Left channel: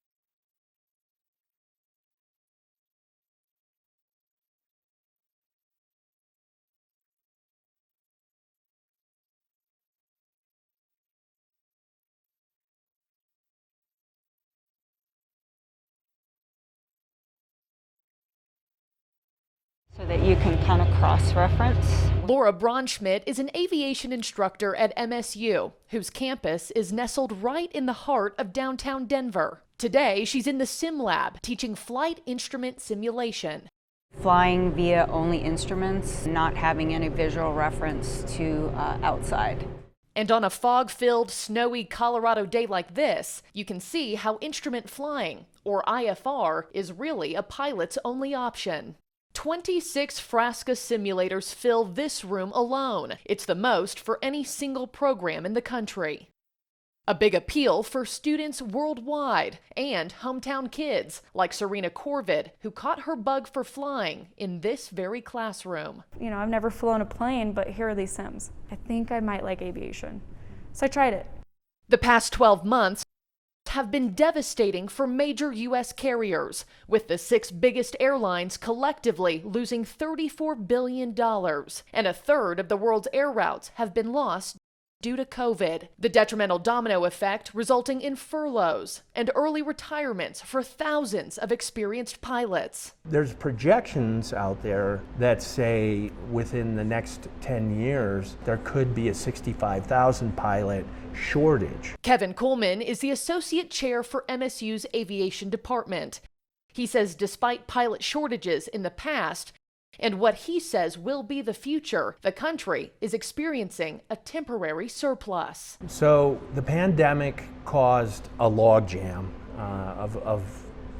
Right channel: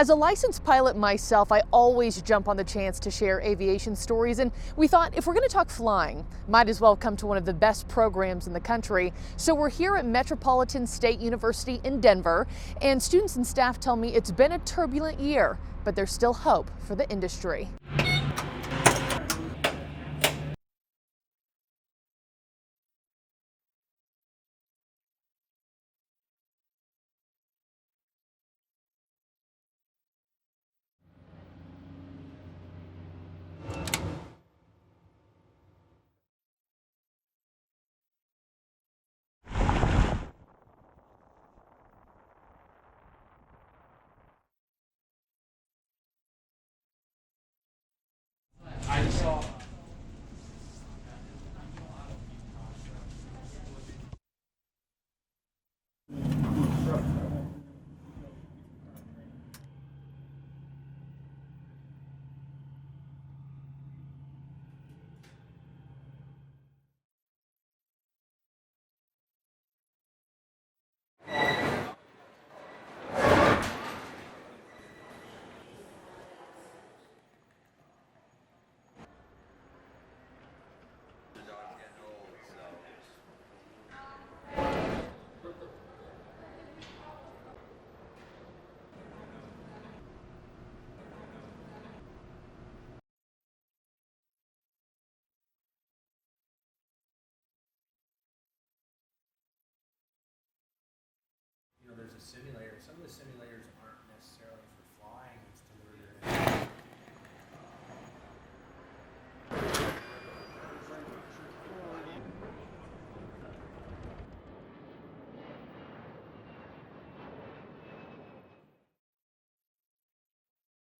As a licensed pilot myself, I always jump on the chance to share aviation stories, and we thought if we're going to talk flying, might as well come to one of the best programs in the country. So we're here at Metropolitan State University in Denver, and students and staff tell me it's been a turbulent year, but there's still hope for the industry. So that you can kind of cross-reference. Laura Braunschmidt is an aviation instructor at MSU, whose campus is nestled right in the heart of downtown Denver. Today, she's in the sim lab teaching flight instrument simulation. Flying via only instruments, not having any visual reference to outside. And on a fog-filled, snowy Colorado day like this, you can see how instrument flying, or IFR, is really a pilot's only option. 26 Frasca simulators fill this room alone. It's the most for any single program in the country. A big appeal for students worldwide and hometown kids like Serena Corvid, who caught her bug for flying in this very classroom. You know, I've never flown a plane, but here are these sims. I think I might like aviation. So I tried it. The past 12 months have been devastating for major U.S. carriers, with the 6 biggest airlines collectively losing $34 billion. And a third of the world's air routes have been lost due to COVID. The detrimental domino effect resulting in furloughs and early retirements for thousands of experienced pilots. There's projections out there that say within the next 10 years, there could be a 65,000 pilot shortage. Kevin Coleman is the associate chair for MSU's aviation department. He says despite pilot shortages in the past and what he says will be the future, the country is experiencing a temporary surplus. So the pandemic caused a logjam of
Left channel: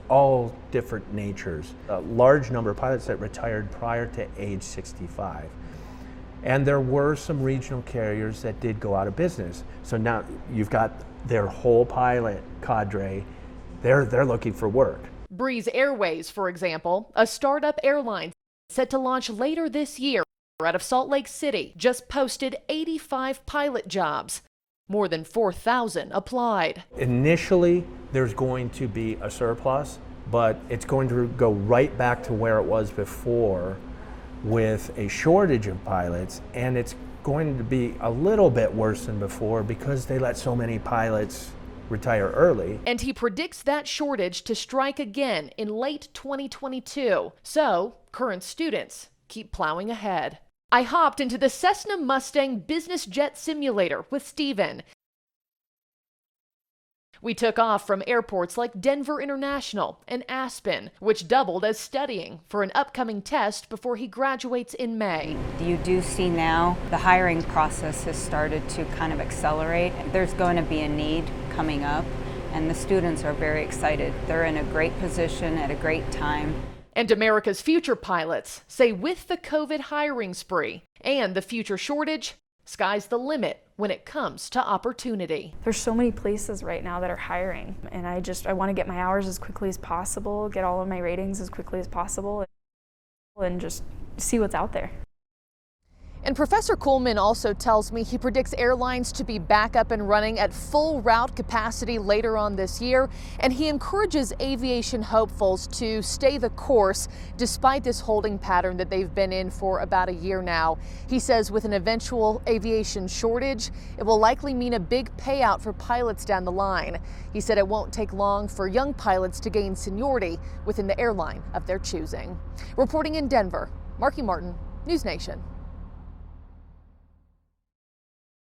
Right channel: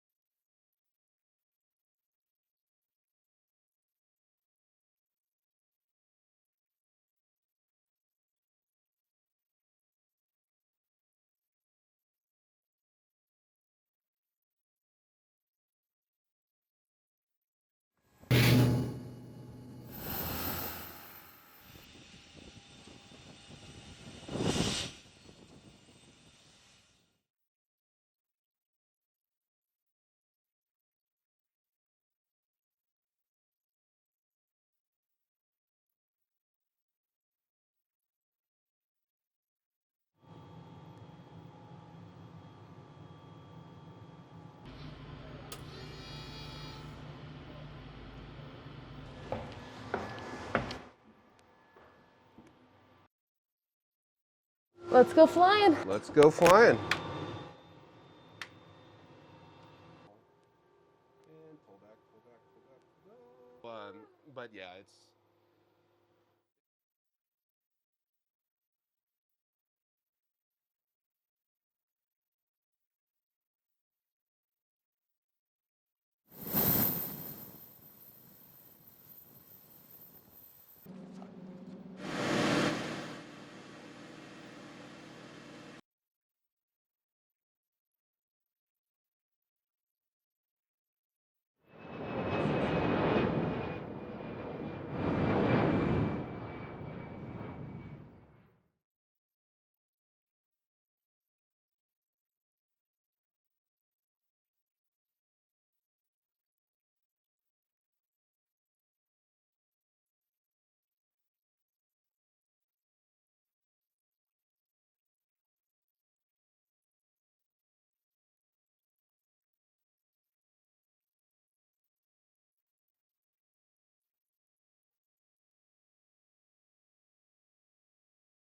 all different natures. A large number of pilots that retired prior to age 65. And there were some regional carriers that did go out of business. So now you've got their whole pilot cadre, they're looking for work. Breeze Airways, for example, a startup airline set to launch later this year out of Salt Lake City, just posted 85 pilot jobs. More than 4,000 applied. Initially, there's going to be a surplus, but it's going to go right back to where it was before, with a shortage of pilots, and it's going to be a little bit worse than before because they let so many pilots retire early. And he predicts that shortage to strike again in late 2022. So, current students keep plowing ahead. I hopped into the Cessna Mustang business jet simulator with Steven. Let's go flying. Let's go flying. We took off from airports like Denver International and Aspen, which doubled as studying for an upcoming test before he graduates in May. You do see now the hiring process has started to kind of accelerate. There's going to be a need coming up, and the students are very excited. They're in a great position at a great time. And America's future pilots say with the COVID hiring spree and the future shortage, sky's the limit when it comes to opportunity. There's so many places right now that are hiring, and I want to get my hours as quickly as possible, get all of my ratings as quickly as possible, and just see what's out there. And Professor Coleman also tells me he predicts airlines to be back up and running at full route capacity later on this year, and he encourages aviation hopefuls to stay the course despite this holding pattern that they've been in for about a year now. He says with an eventual aviation shortage, it will likely mean a big payout for pilots down the line. He said it won't take long for young pilots to gain seniority within the airline of their choosing. Reporting in Denver, Marky Martin, News Nation.